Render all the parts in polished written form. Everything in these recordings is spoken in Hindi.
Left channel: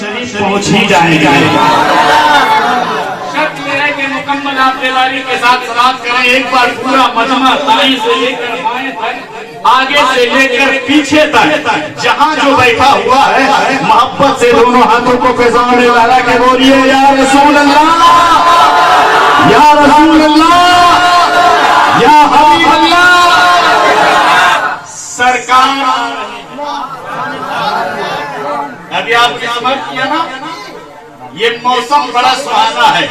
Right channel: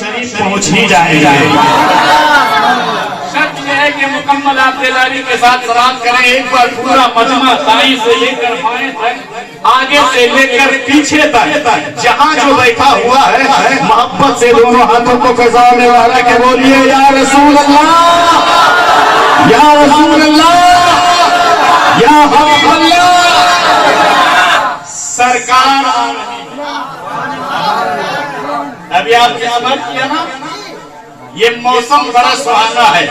शरीफ पहुंच ही जाएंगे। शर्त यह है कि मुकम्मल आप दिलदारी के साथ सलात करें। एक बार पूरा मजमा दाएं से लेकर बाएं तक, आगे से लेकर पीछे तक, जहां जो बैठा हुआ है मोहब्बत से दोनों हाथों को फिजाने वाला के बोलिए या रसूल अल्लाह, या रसूल अल्लाह, या हबीब अल्लाह। सरकार अभी आपने समझ किया ना, ये मौसम बड़ा सुहाना है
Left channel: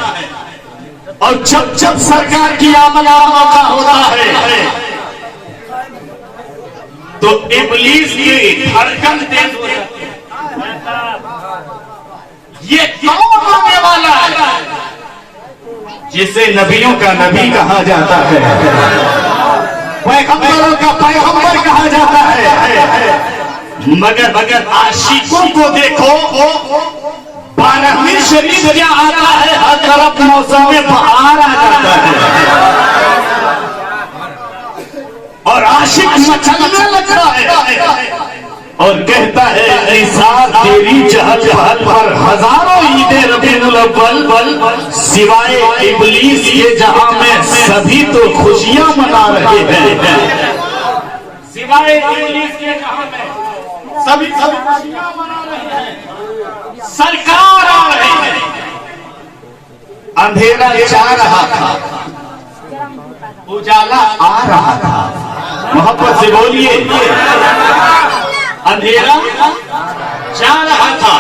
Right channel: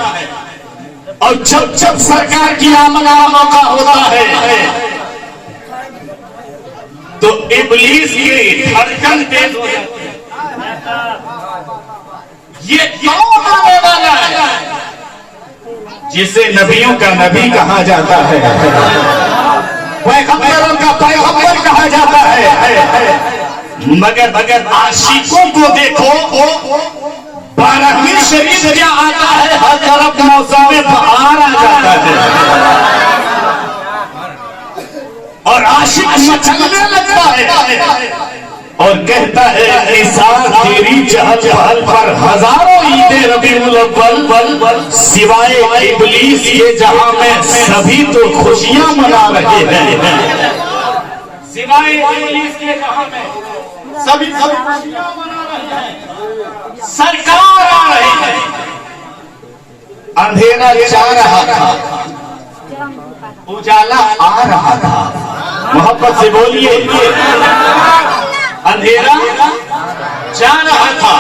और जब जब सरकार की आमद का मौका होता है तो इब्लीस की धड़कन तेज हो जाती है। ये क्यों आने वाला है? जिसे नबियों का नबी कहा जाता है, पैगंबरों का पैगंबर कहा जाता है, मगर आशिकों को देखो, 12वीं शरीफ क्या आता है, हर तरफ मौसम में बहार आ जाता है और आशिक मचलने लगता है और कहता है निसार तेरी चहल पहल पर हजारों ईदे रबीउल अव्वल सिवाय इब्लीस के जहां में सभी तो खुशियां मना रहे हैं। सिवाय इब्लीस के जहां में सभी खुशियां मना रहे हैं। सरकार आ रही है, अंधेरा जा रहा था, उजाला आ रहा था। मोहब्बत से बोलिए, अंधेरा जा रहा था,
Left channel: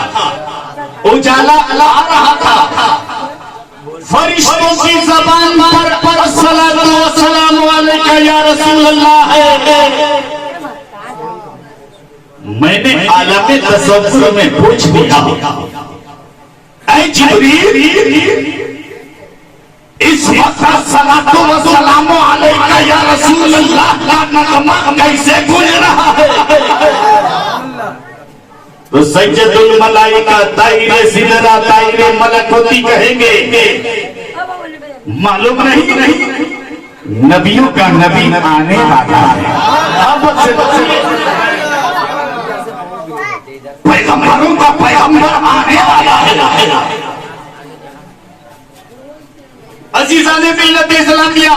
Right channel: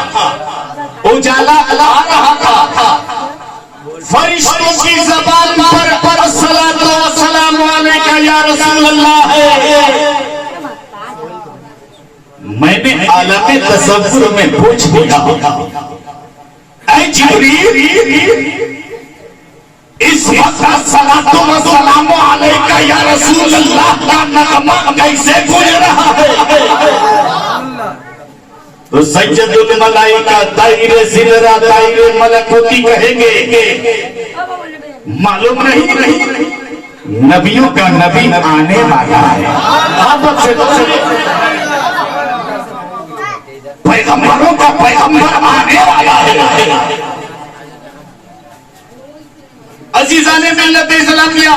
उजाला आ रहा था। फरिश्तों की ज़बान पर अस्सलातु वस्सलामु अलैका या रसूल अल्लाह है। मैंने आलमे तसव्वुर में पूछ लिया, ऐ जिब्रील, इस वक्त अस्सलातु वस्सलामु अलैका या रसूल अल्लाह का नगमा कैसे गूंज रहा है? तो सज्जदुल मलाइका ताइरे सिदरा ताइरे मलकुती कहेंगे, मालूम नहीं नबियों का नबी आने वाला है। पैगंबरों का पैगंबर आने वाला है। अजीजा ने मिल्लत इस्लाम किया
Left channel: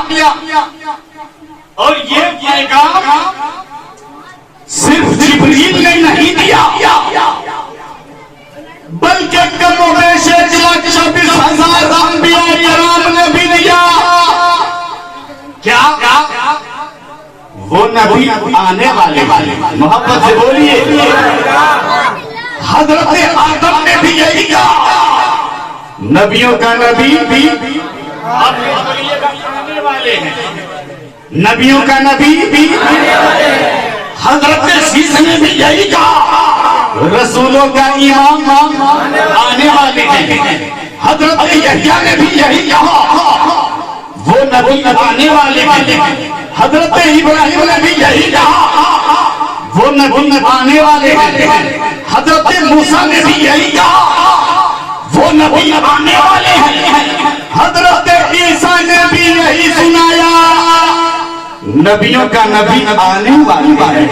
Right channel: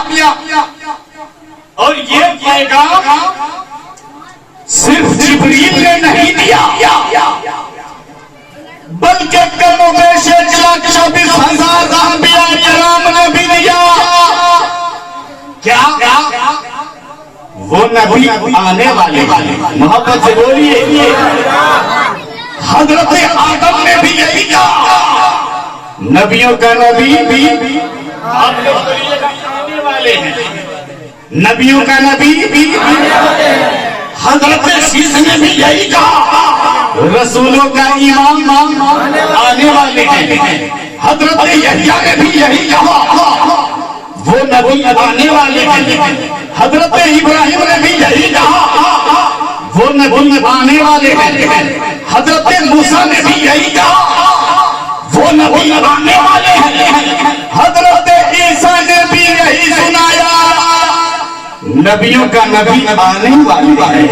और ये पैगाम सिर्फ जिब्रील ने नहीं दिया, बल्कि कमो बेश 1,24,000 अंबिया किराम ने भी दिया। क्या वो नबी आने वाले मोहब्बत से बोलिए, हजरत आदम ने भी यही कहा, नबियों का नबी भी आप लोग बोलिएगा आने वाले हैं। नबियों का नबी भी हजरत शीश ने भी यही कहा, रसूलों का इमाम आने वाले हैं। हजरत यहया ने भी यही कहा, वो नबी आने वाले हैं। हजरत इब्राहिम ने भी यही कहा, वो नबी आने वाले हैं। हजरत मूसा ने भी यही कहा, वो नबी आने वाले हैं। हजरत ईसा ने भी यही सुनाया, नबियों का नबी आने वाला है।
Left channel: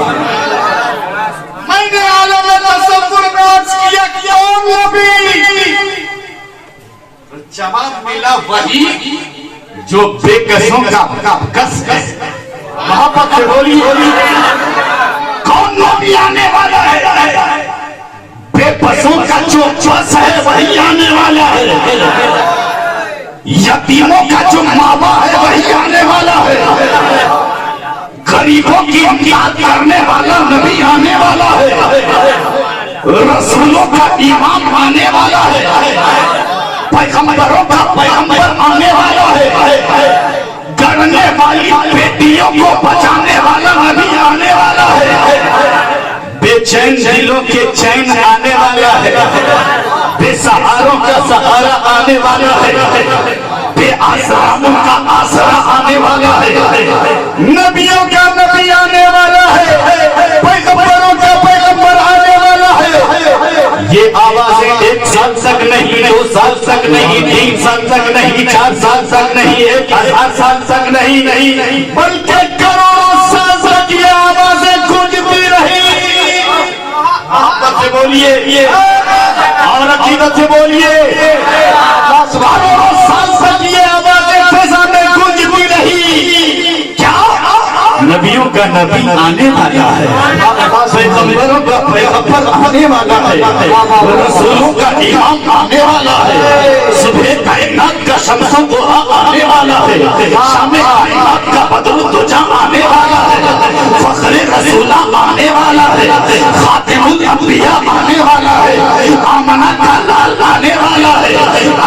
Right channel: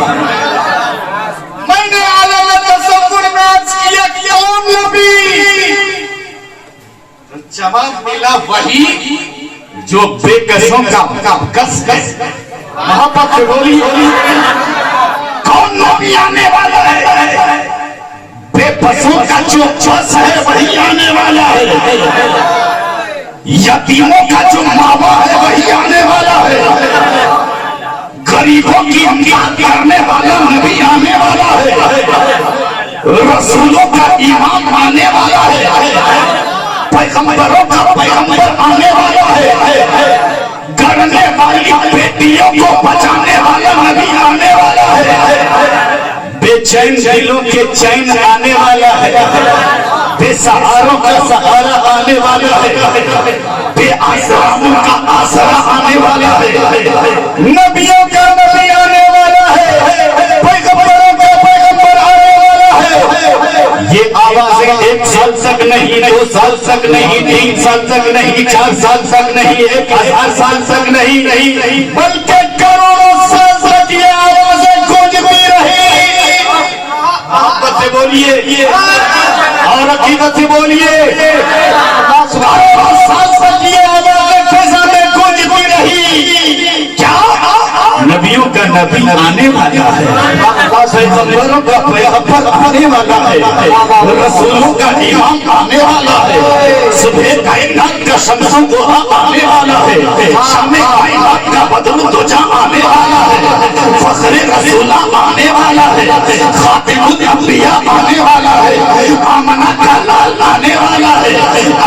मैंने आलम तसव्वुर में अर्ज किया क्यों नबी? तो जवाब मिला वही जो बेकसों का कस है। मोहब्बत से बोली, कौन नबी आने वाला है? बेबसों का जो बस है वही आने वाला है। यतीमों का जो मावा है वही आने वाला है। गरीबों की इमदाद करने वाला नबी आने वाला है। रसूलों का इमाम आने वाला है। पैगंबरों का पैगंबर आने वाला है। गढ़ने वाली बेटियों को बचाने वाला नबी आने वाला है। बेचैन दिलों के चैन आने वाला है। बेसहारों का सहारा आने वाला है। बेआसराओं का आसरा आने वाला है। नबियों का नबी आने वाला है। पैगंबरों का पैगंबर आने वाला है। ये आवाजें 1 साल तक नहीं, 2 साल तक नहीं, 3 साल तक नहीं, 4 साल तक नहीं, 1000 साल तक नहीं, बल्कि करोड़ों साल तक ये आवाजें गूंजती रही। आप बोलिए और अकीदत से बोलिए। क्या नबियों का नबी आने वाला है, पैगंबरों का पैगंबर आने वाला है, रसूलों का इमाम आने वाला है, सुबह कायनात का शम्सों को आने वाला है, शाम कायनात का बदर दुजा आने वाला है, फखरे रसूला आने वाला है, खातिमुल अंबिया आने वाला है, आमना का लाल आने वाला है,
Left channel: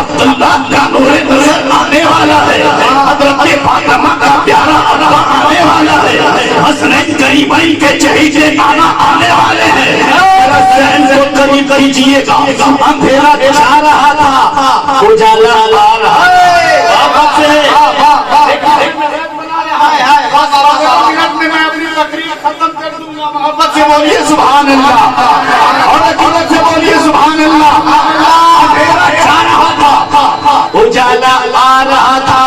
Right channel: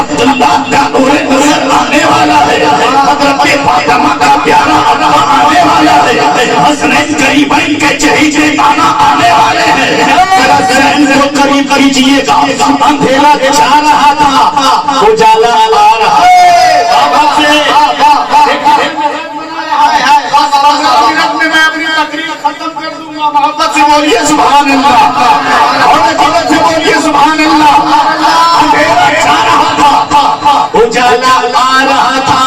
अब्दुल्लाह का नूरे नूर आने वाला है, हजरत फातिमा का प्यारा अब्बा आने वाला है, हसनैन करीमैन के चहीते नाना आने वाले हैं। जरा सहन को करीब कीजिएगा, अंधेरा छा रहा था, उजाला आ रहा है। मैं अपनी तकरीर खत्म कर दूंगा। मोहब्बत से बोलिए सुभान अल्लाह और अकीदत से बोलिए सुभान अल्लाह। अंधेरा छा रहा था, उजाला आ रहा था,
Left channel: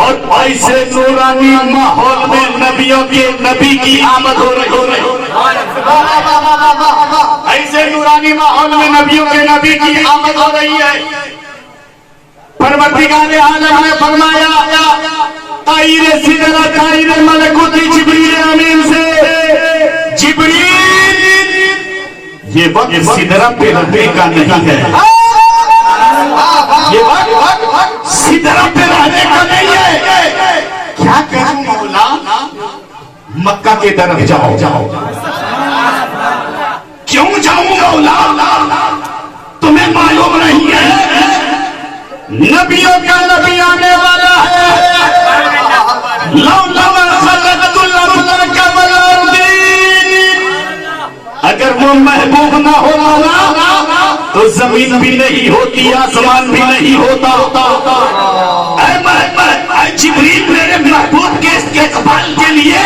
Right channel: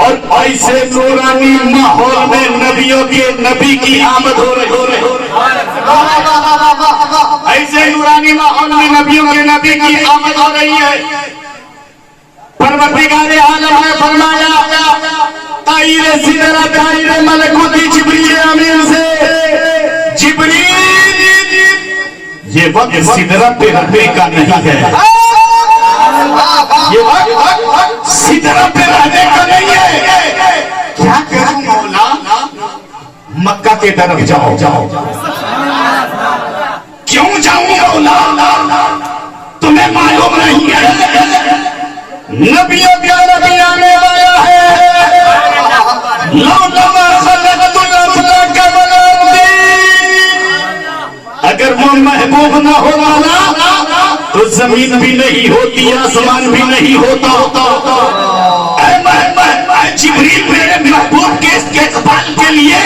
और ऐसे नूरानी माहौल में नबियों के नबी की आमद हो रही। ऐसे नूरानी माहौल में नबियों के नबी की आमद हो रही है। परवरदिगार आलम ने फरमाया, ताईरे सिदरा ताईरे मलकुती जिब्रील अमीन से, जिब्रील ये वक्त सिदरा पे रहने का नहीं है, ये वक्त सिदरा पे रहने का नहीं है। क्या करूं मौला? मक्का के तरफ जाओ। क्यों जाऊं मौला? तुम्हें मालूम नहीं है नबियों का नबी आने वाला है। अगर वो महबूब ना होता तो जमीन भी नहीं होती, आसमान भी नहीं होता। जिब्रील मेरे महबूब के इस्तकबाल के लिए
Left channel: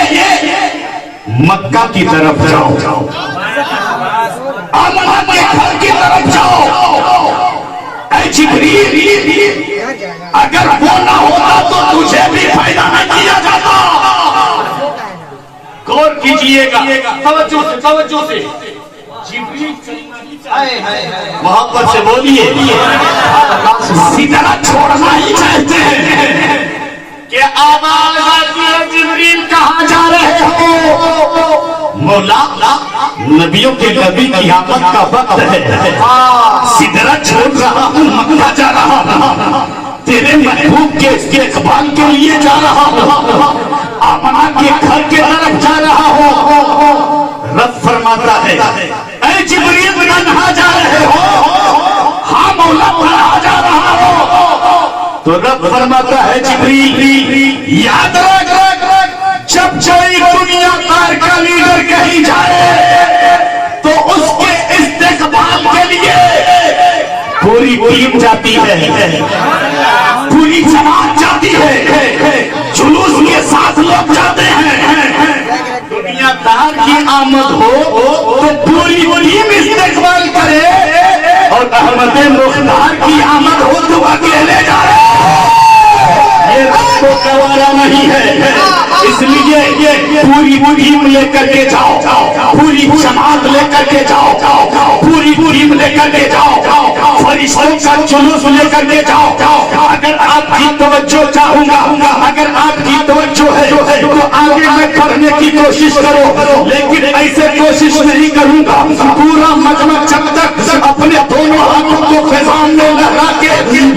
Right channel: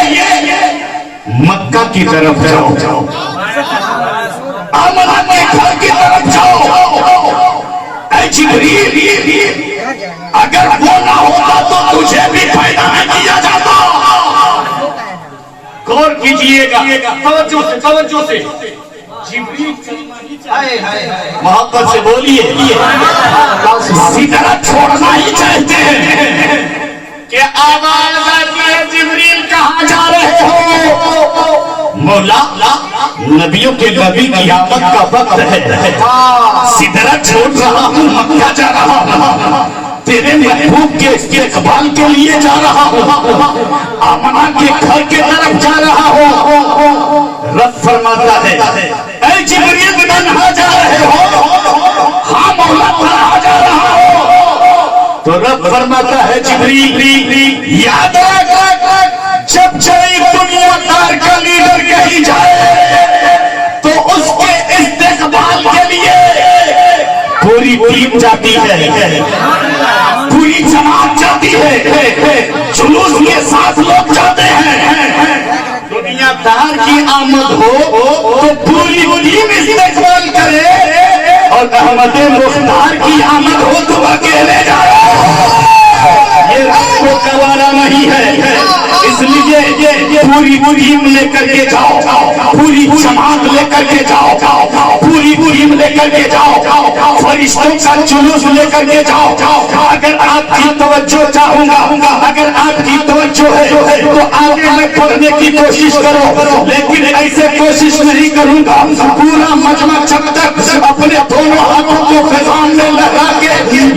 मक्का की तरफ जाओ, आमना के घर की तरफ जाओ। जिब्रील अगर वो ना होता तो तुझे भी पैदा नहीं किया जाता। गौर कीजिएगा, तवज्जो से मोहब्बत से बोलिए। इसी तरह छोड़ना ही चाहते हैं कि आवाज आती है, जिब्रील कहाँ जा रहे हो? मौला नबियों के नबी की आमद का वक्त है, सिदरा छोड़ रहा हूँ, मक्का जा रहा हूँ, तेरे महबूब के इस्तकबाल के लिए जा रहा हूँ, आमना के घर के तरफ जा रहा हूँ। रब फरमाता है, ऐ जिब्रील कहाँ जा रहे हो? हाँ मौला कहाँ जा रहा हो? तो रब फरमाता है, जिब्रील याद रख, जब चली दुनिया तार का लीडर कहीं जाए तो उसके इस्तकबाल के लिए पूरी टीम जाती है, पूरी जमात जाती है, जुलूस के साथ लोग जाते हैं। दुनिया तार की आमद हो तो पूरी टीम इस्तकबाल करे, और अहमद मुख्तार की आमद हो तो अकेले जा रहे हैं। ये आपको गवारा नहीं है, इसलिए ये पूरी टीम लेकर के जाओ, पूरी जमात लेकर के जाओ, पूरी टीम लेकर के जाओ, फरिश्तों का जुलूस लेकर के जाओ। अगर आपकी तवज्जो चाहूंगा, अगर आपकी तवज्जो है तो आगे में पढ़ने की कोशिश करो, लेकिन ऐसे कोशिश नहीं करूंगा। पूरा मजमा जब तक अपने दोनों हाथों को फिजाओं में लगा के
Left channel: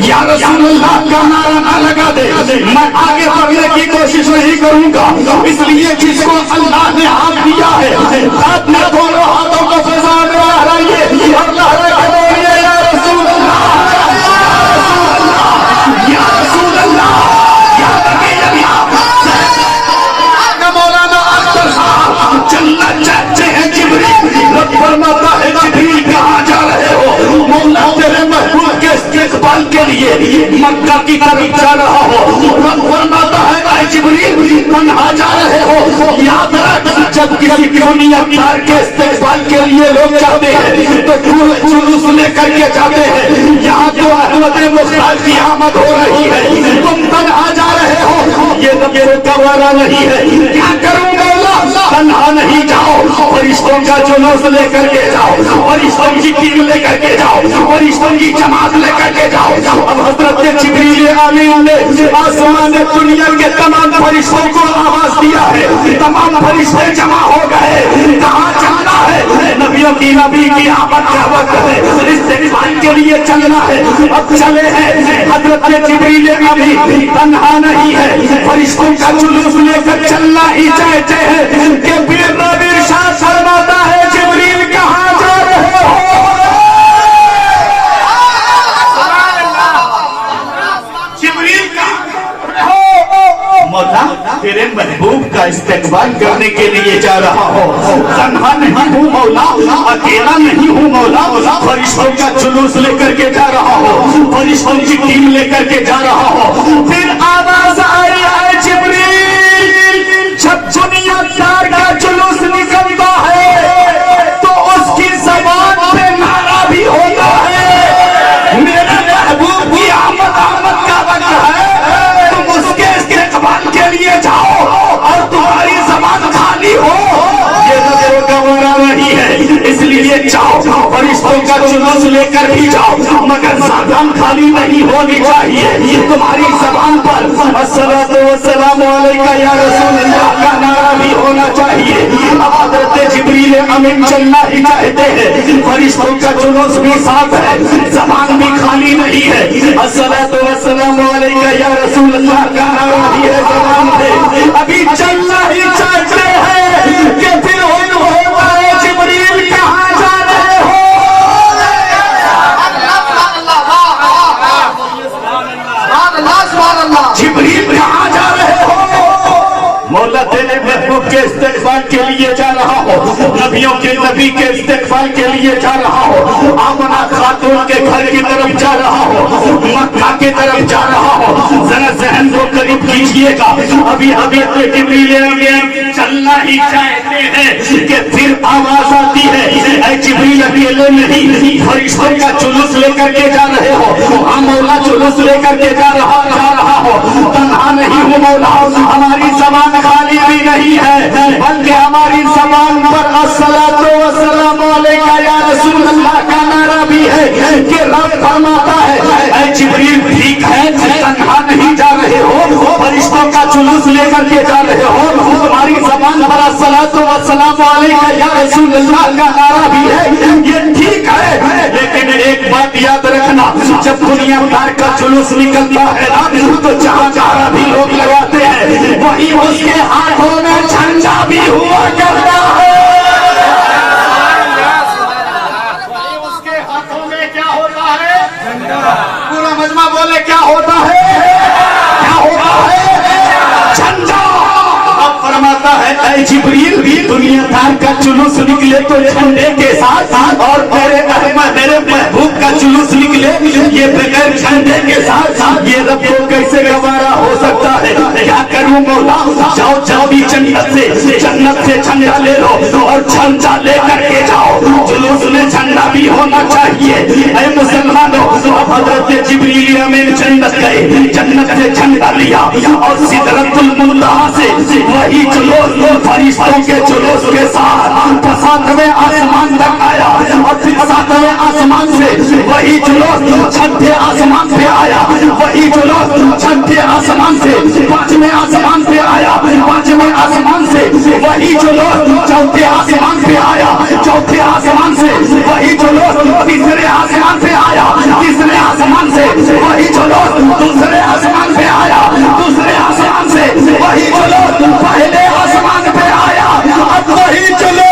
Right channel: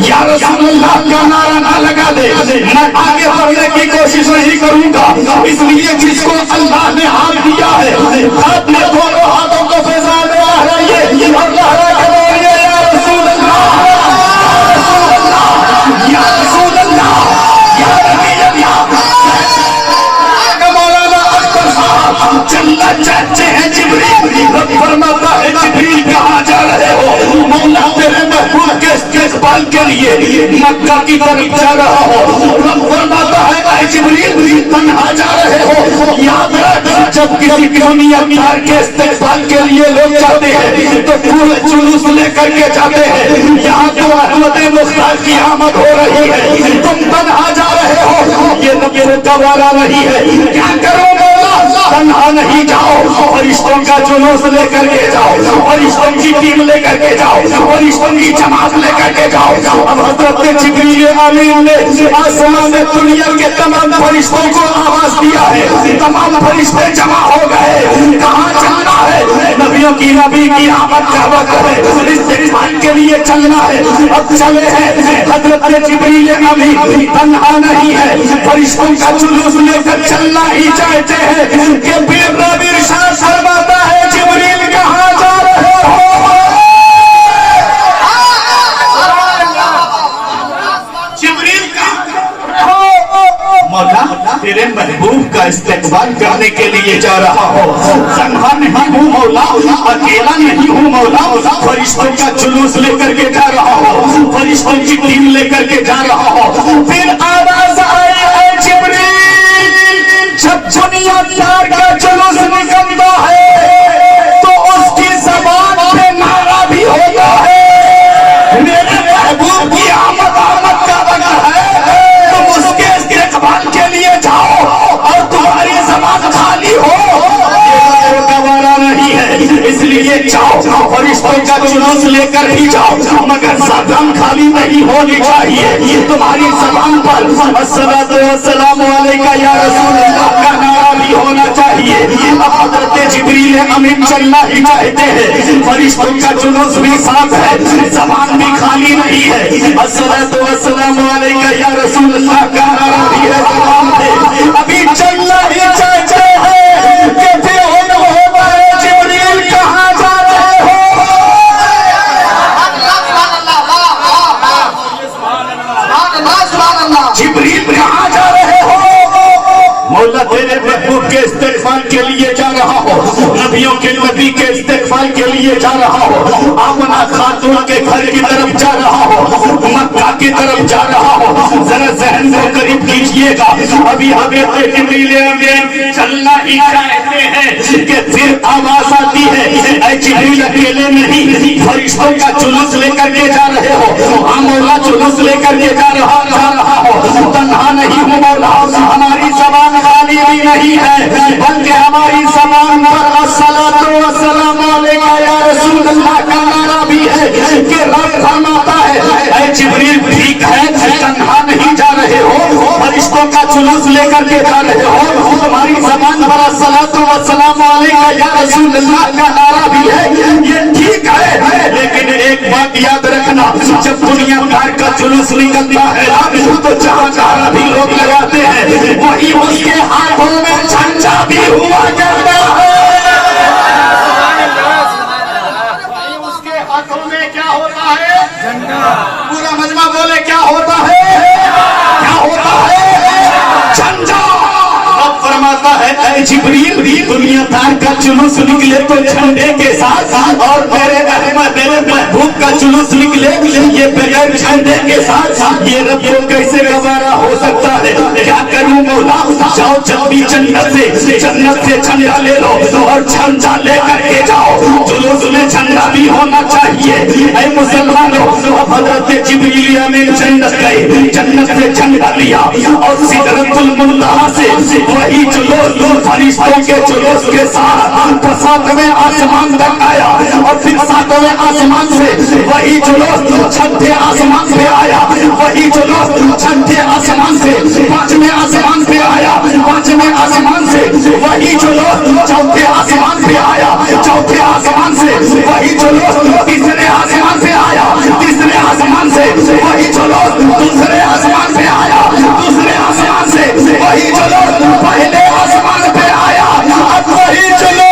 या रसूलुल्लाह का नारा ना लगा दे, मैं आगे बढ़ने की कोशिश नहीं करूंगा। इसलिए जिसको अल्लाह ने हाथ दिया है, अपने दोनों हाथों को फिजाओं में लहराइए और लहरा के बोलिए, या रसूल अल्लाह, या रसूल अल्लाह, या नबी अल्लाह। मौलाना अख्तर साहब चलना चाहते हैं, जिब्रील फरमाता है, जिब्रील कहाँ जा रहे हो? मौला तेरे महबूब के इस्तकबाल के लिए मक्का की तरफ जा रहा हो। फरमाता है, जिब्रील कहाँ जा रहे हो? याद रख, जब किसी दुनिया तार के इस्तकबाल के लिए लोग जाते हैं तो पूरे जुलूस लेकर के जाते हैं। यहाँ तो अहमद मुख्तार की आमद हो रही है, तुम कहाँ जा रहे हो? ये नबियों का वारा नहीं है। क्या करूं मौला? तन्हा नहीं जाओ, फरिश्तों का जुलूस लेकर के जाओ, फरिश्तों की टीम लेकर के जाओ, फरिश्तों की जमात लेकर के जाओ। अब हजरत जिब्रील अमीन ने आसमान दुनिया के तमाम फरिश्तों को आवाज दिया है, तमाम फरिश्ते जमा हो गए। कहाँ चलना है? नबियों की नबी की आमद का वक्त है, इस्तेमाल के लिए चलना है। अब चले हैं। हजरत जिब्रील अमीन तन्हा नहीं है, फरिश्तों का जुलूस लेकर चलना ही चाहते हैं कि पीर नबी इरशाद फरमाता है, जिब्रील कहाँ जा रहे हो? जिब्रील मौला तेरे महबूब का इस्तेकबाल करने के लिए जा रहा हो। तन्हा नहीं हूँ मौला, अकेला नहीं हूँ मौला, फरिश्तों का जुलूस लेकर के जा रहा हो, फरिश्तों की टीम लेकर के जा रहा हो। फिर आवाज आई है, जिब्रील जब दुनिया तार का जुलूस निकलता है तो उसकी जबान पे नारा भी होता है, मेरे महबूब की आमद का वक्त है, तुम उसके इस्तेकबाल के लिए जाओ और तुम्हारी जबान खाली हो, ये गवारा नहीं है, इसलिए जाओ, फरिश्तों का जुलूस लेकर ही जाओ, मगर जबान खाली नहीं होनी चाहिए। तुम्हारी जबान पर अस्सलातु वस्सलामु अलैका या रसूलल्लाह का नारा भी होना चाहिए। अब हजरत जिब्रील अमीन चलना ही चाहते हैं, फरिश्तों का जुलूस भी साथ है, जबान भी खाली नहीं है, अस्सलातु वस्सलामु अलैका या रसूलल्लाह का नारा भी है, जबान है। अभी चलना ही चाहते हैं कि फिर होता है, जिब्रील कहाँ जा रहे हो? जिब्रील कहाँ जा रहे हो? मौला तेरे महबूब के इस्तेकबाल के लिए जा रहा हो, नबियों के नबी के इस्तेकबाल के लिए जा रहा हो, आमना खातून के घर की तरफ जा रहा हो, मक्का की तरफ जा रहा हो। जरा जहन को करीब कीजिएगा। अभी हमें चलना ही चाहते हैं कि फिर आवाज आती है, ऐ जिब्रील अकेले नहीं, फरिश्तों का जुलूस लेकर के जा रहे हो। हाँ मौला जुलूस लेकर के जा रहा हो, तन्हा नहीं हो मौला, हमारी जबान खाली भी नहीं है, बल्कि हमारी जबान पर अस्सलातु वस्सलामु अलैका या रसूलल्लाह का नारा भी है कि रब फरमाता है, ऐ जिब्रील ठीक है, तन्हा नहीं जा रहे हो, फरिश्तों का जुलूस लेकर के जा रहे हो, तुम्हारी जबान पर अस्सलातु वस्सलामु अलैका या रसूलल्लाह का नारा भी है, ये ठीक है। लेकिन एक बात याद रखना, जब दुनिया भर का जुलूस निकलता है तो जहाँ जहाँ भी लोग लगाते हैं, वही उसके हाथों में झंडा भी हुआ करता है। उसके हाथों में क्या होता है? झंडा। पूरा मजमा बोले क्या होता है? क्या होता है? झंडा। अब फरमाता है, ऐ जिब्रील दुनिया भर का जुलूस निकले तो झंडे के साथ, और मेरे महबूब का जुलूस निकले ये बगैर झंडे के साथ, ये रब को कैसे गवारा हो सकता है? क्या करूं मौला? जाओ जल्दी जन्नत से झंडा ले लो और झंडा लेकर के जाओ, जुलूस में झंडा भी होना चाहिए। ऐ मुसलमानों, अब हजरत जिब्रील अमीन जन्नत गए, जन्नत से झंडा लिया और सिदरतुल मुंतहा से वही जुलूस फरिश्तों के जुलूस के साथ 7वें आसमान तक आया, और फिर 7वें आसमान से वही जुलूस 6ठे आसमान पे आया, वही जुलूस 6ठे आसमान से 5वें आसमान पे आया, 5वें आसमान से वही जुलूस 4थे आसमान पे आया, 4थे आसमान से वही जुलूस 3रे आसमान पे आया, 3रे आसमान से वही जुलूस 2रे आसमान पे आया, 2रे आसमान से वही जुलूस पहले आसमान पे आया। अब वही जुलूस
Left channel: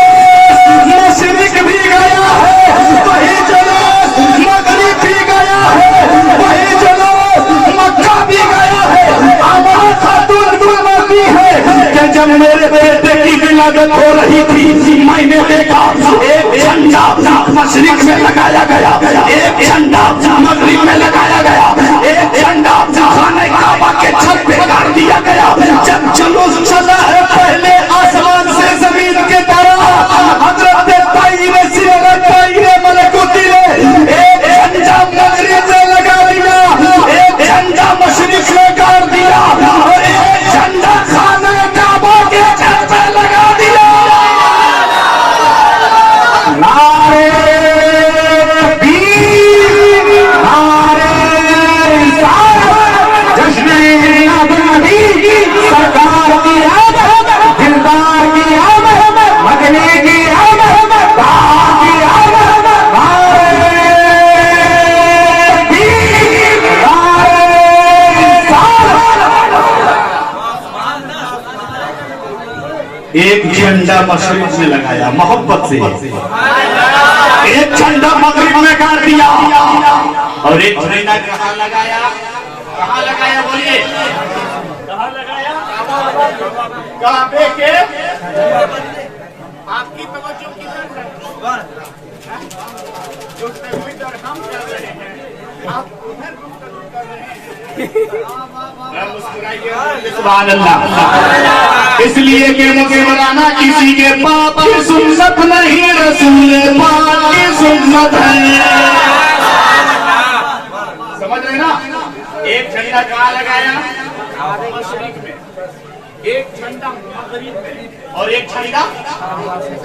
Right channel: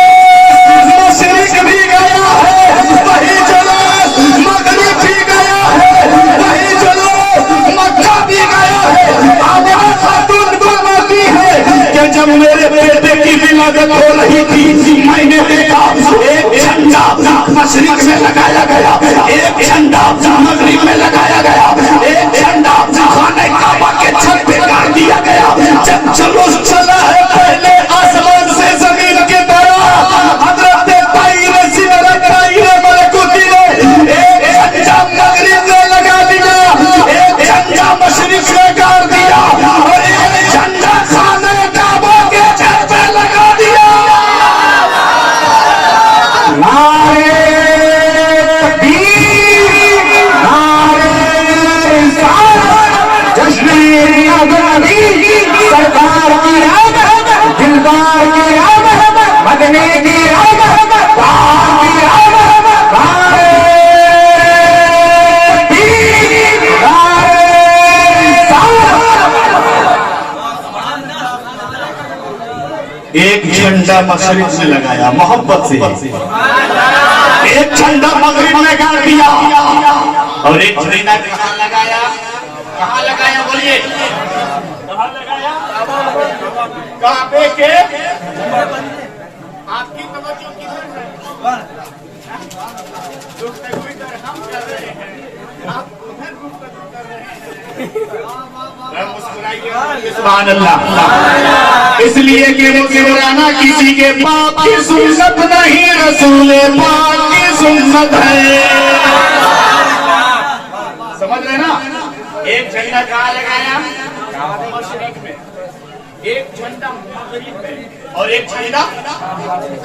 मशरिक भी गया है, वही जुलूस मगरिब भी गया है, वही जुलूस मक्का भी गया है। आमना खातून फरमाती है कि जब मेरे बेटे की विलादत हो रही थी, मैंने देखा एक झंडा मशरिक में लगाया गया, एक झंडा मगरिब में लगाया गया, एक झंडा खाने काबा के छत पे गाड़ दिया गया। जब जुलूस चला है पहले आसमान से जमीन के तरफ, हजरत ताईर सिदरत ताईर मलकुती ने एक झंडा मगरिब में लगा दिया, एक झंडा मशरिक में गाड़ दिया, और एक झंडा खाने काबा के छत पे लगा दिया। एक झंडा मशरिक में लगाया मोहब्बत से, एक झंडा मगरिब में गाड़ दिया और एक झंडा कहाँ लगाया? कहाँ लगाया बोलिए? कहाँ लगाया? काबे के। आपकी तवज्जो किधर है? गुफ्तगू इधर हम कर रहे हैं, आप उधर गुफ्तगू कर रहे हैं। मुस्कुराइए सुभान अल्लाह। इसलिए कि मुस्कुराना किसी के पाप की सुन्नत नहीं, रसूल पाक की सुन्नत है। समझ रहे ना? एक झंडा कहाँ लगाया? मशरिक में, एक झंडा मगरिब में और एक झंडा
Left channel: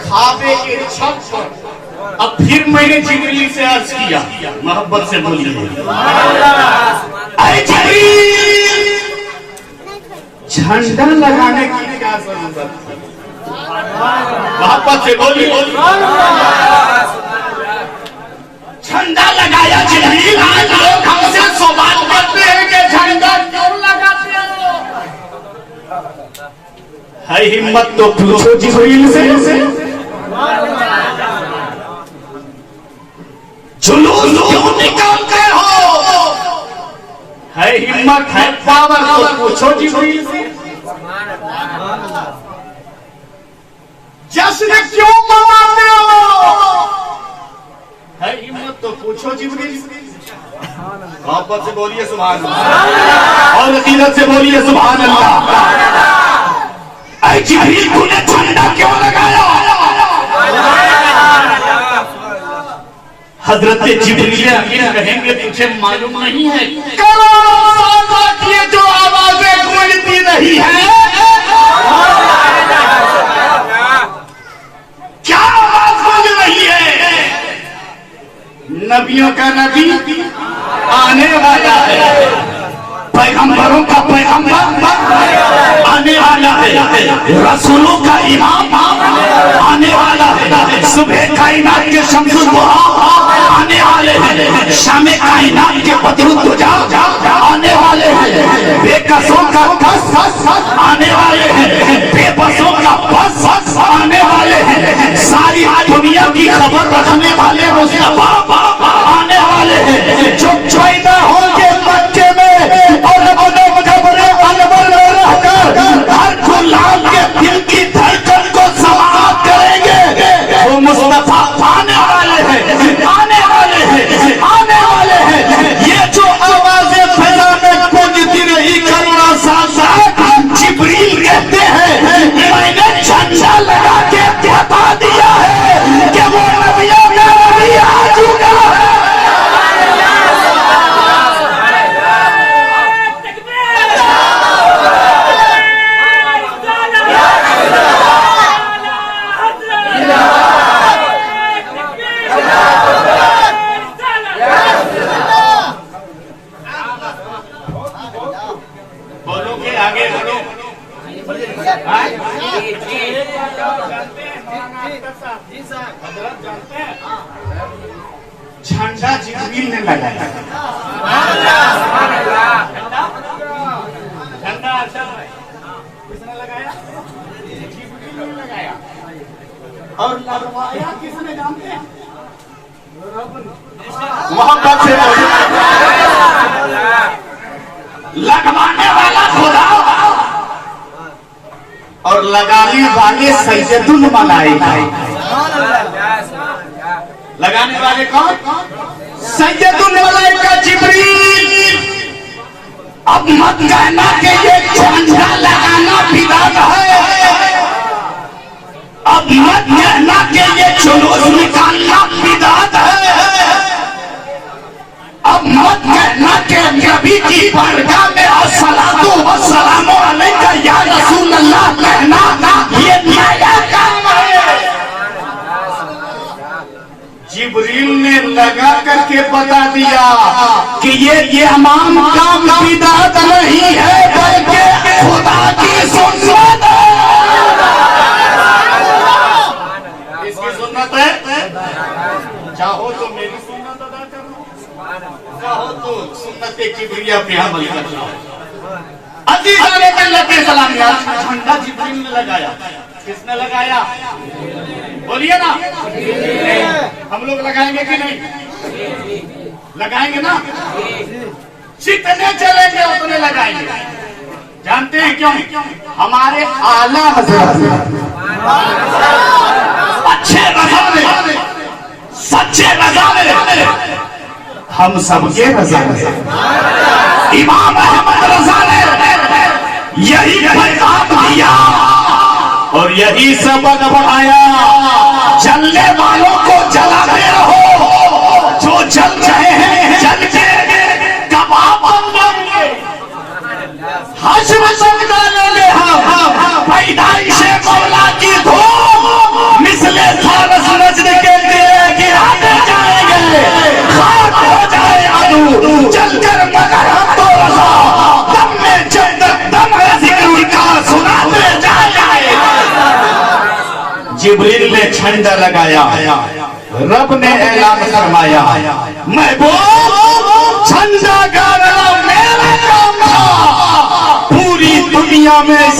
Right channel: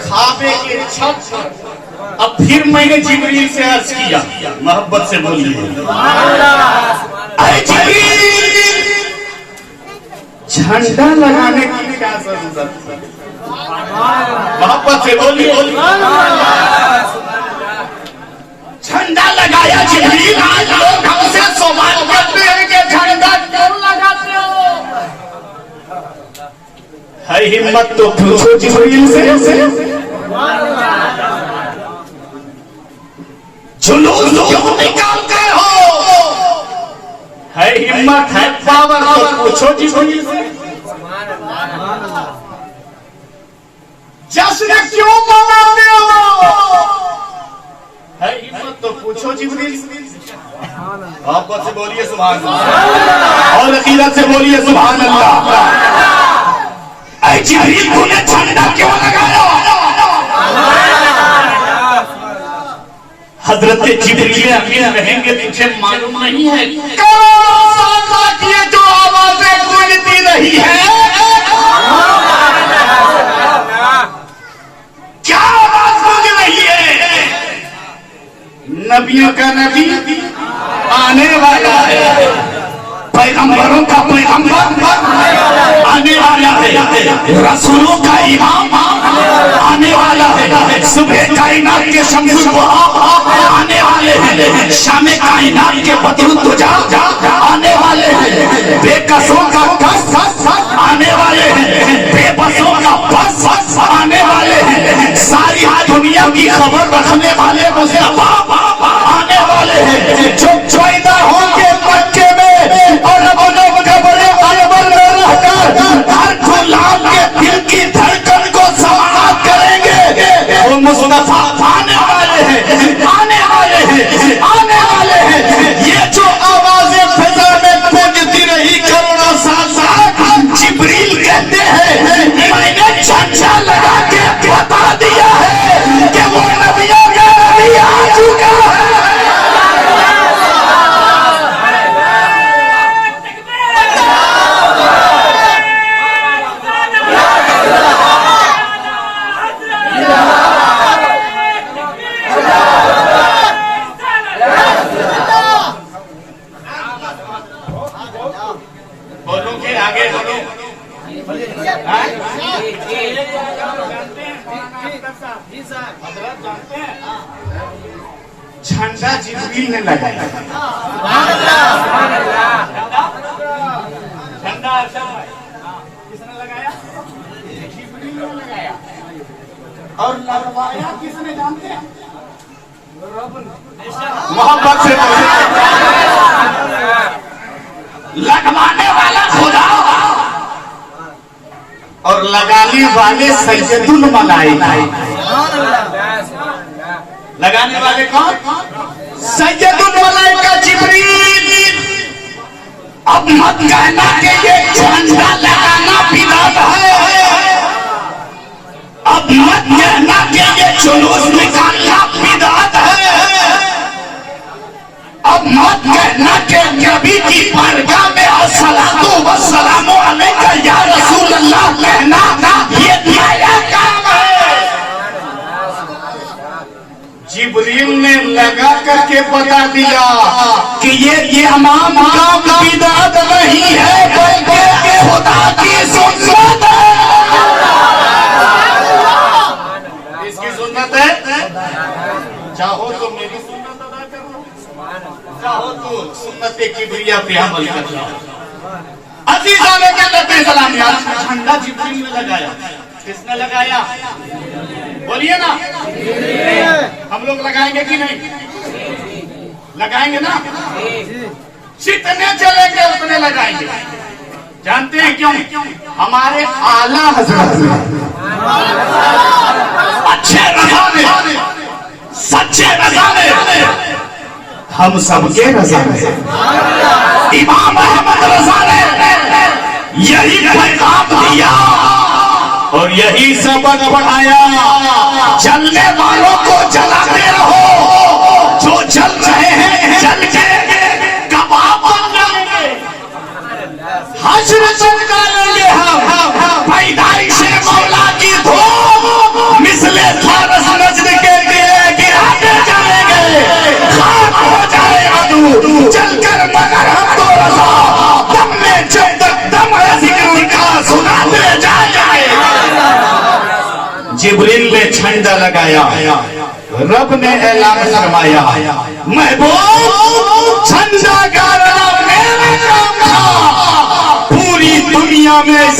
खाबे के छत पर। अब फिर मैंने जिब्रील से अर्ज किया, मोहब्बत से बोलिए, अरे जिब्रील, झंडा लगाने की क्या जरूरत है? मोहब्बत से बोलिए। झंडा लगाया जिब्रील। आज लोग हमसे सवाल करते हैं कि झंडा क्यों लगाते हो? है हिम्मत तो पूछो जिब्रील से। जुलूस क्यों निकालते हो? है हिम्मत, है पावर तो पूछो जिब्रील से। जश्न क्यों मनाते हो? है हिम्मत तो पूछो जिब्रील से। मोहब्बत से बोलिए सुभान अल्लाह और अकीदत से बोलिए सुभान अल्लाह। ऐ जिब्रील, तूने झंडा क्यों लगाया? हजरत जिब्रील अमीन कहेंगे, तुझे मालूम नहीं है करोड़ों साल की जो आवाजें गूंजती रही है, क्या आवाज गूंज रही है? नबियों का नबी आने वाला है, पैगंबरों का पैगंबर आने वाला है, रसूलों का इमाम आने वाला है, सुबह कायनात के शम्सुल वहा आने वाले हैं, शामे कायनात के बदरुद्दुजा आने वाले हैं, बेकसों का कस आने वाले हैं, बेबसों का बस आने वाले हैं, सारी दुनिया की खबर रखने वाले मुस्तफा आने वाले हैं, जो पैदा होंगे मक्के में और कब्र अनवर में रहकर हर गुलाम के दिल की धड़कन को समाअत करेंगे। वो मुस्तफा आने वाले हैं, आने वाले हैं, आने वाले हैं। ये जो आवाजें फिजा में गूंजती रही करुणा साथ जिब्रील कहते हैं, मैंने झंडा लगा के बता दिया है कि वो नबियों का नबी आ चुका है। बोलो कि आगे बोलो। जानते हैं झंडा जिब्रील ने लगाया। झंडा किसने लगाया? जिब्रील ने लगाया। और लगवाया किसने जानते हैं? मोहब्बत से लगवाने वाला खुदा और लगाने वाले सैयदुल मलाइका। लगाने वाले कौन? सैयदुल मलाइका जिब्रील। अब मत कहना कि ये झंडा लगाना बिदअत है, अब मत कहना कि ये जुलूस निकालना बिदअत है, अब मत कहना कि नबी की बारगाह में अस्सलातु वस्सलामु अलैका या रसूल अल्लाह कहना ये नया काम है। जिब्रील ने लगा करके बता दिया कि ये तमाम काम बिदअत नहीं है, बल्कि खुदा की सुन्नत है। इसकी सुन्नत है। चाहो तो मेरी सुन्नत अदा कर लो, चाहो तो सुन्नत किबरिया पे अमल कर लो। अजीज़ अलैहि सलाम झंडा जिब्रील ने लगाया। किसने लगाया? बोलिए ना। हम लोग लगाएंगे कि नहीं? लगाएंगे ना। जितने चलेंगे उतने लगाएंगे। जानते हैं क्यों? हमारे आला हज़रत अच्छे रज़ा में, सच्चे रज़ा में, हम सबके रज़ा में। इमाम अहमद रज़ा ने यही पैगाम दिया और यही सबक बढ़ाया। जलने वालों को जलाते रहो, जो जल रहे हैं जल के कबाब बन जाएंगे। हश्र से निकालेंगे हम पैदाइश मौला की धूम, मिसले फारस नजद के दिए गिराते जाएंगे। खाक हो जाए आदू जलकर मगर हम तो रज़ा, दम में जब तक दम है जिक्र का सुनाते जाएंगे। जिब्रील ने झंडा लगाया, रब ने ऐलान फरमाया, महबूब झंडा गाड़ना मेरा काम था। पूरी दुनिया में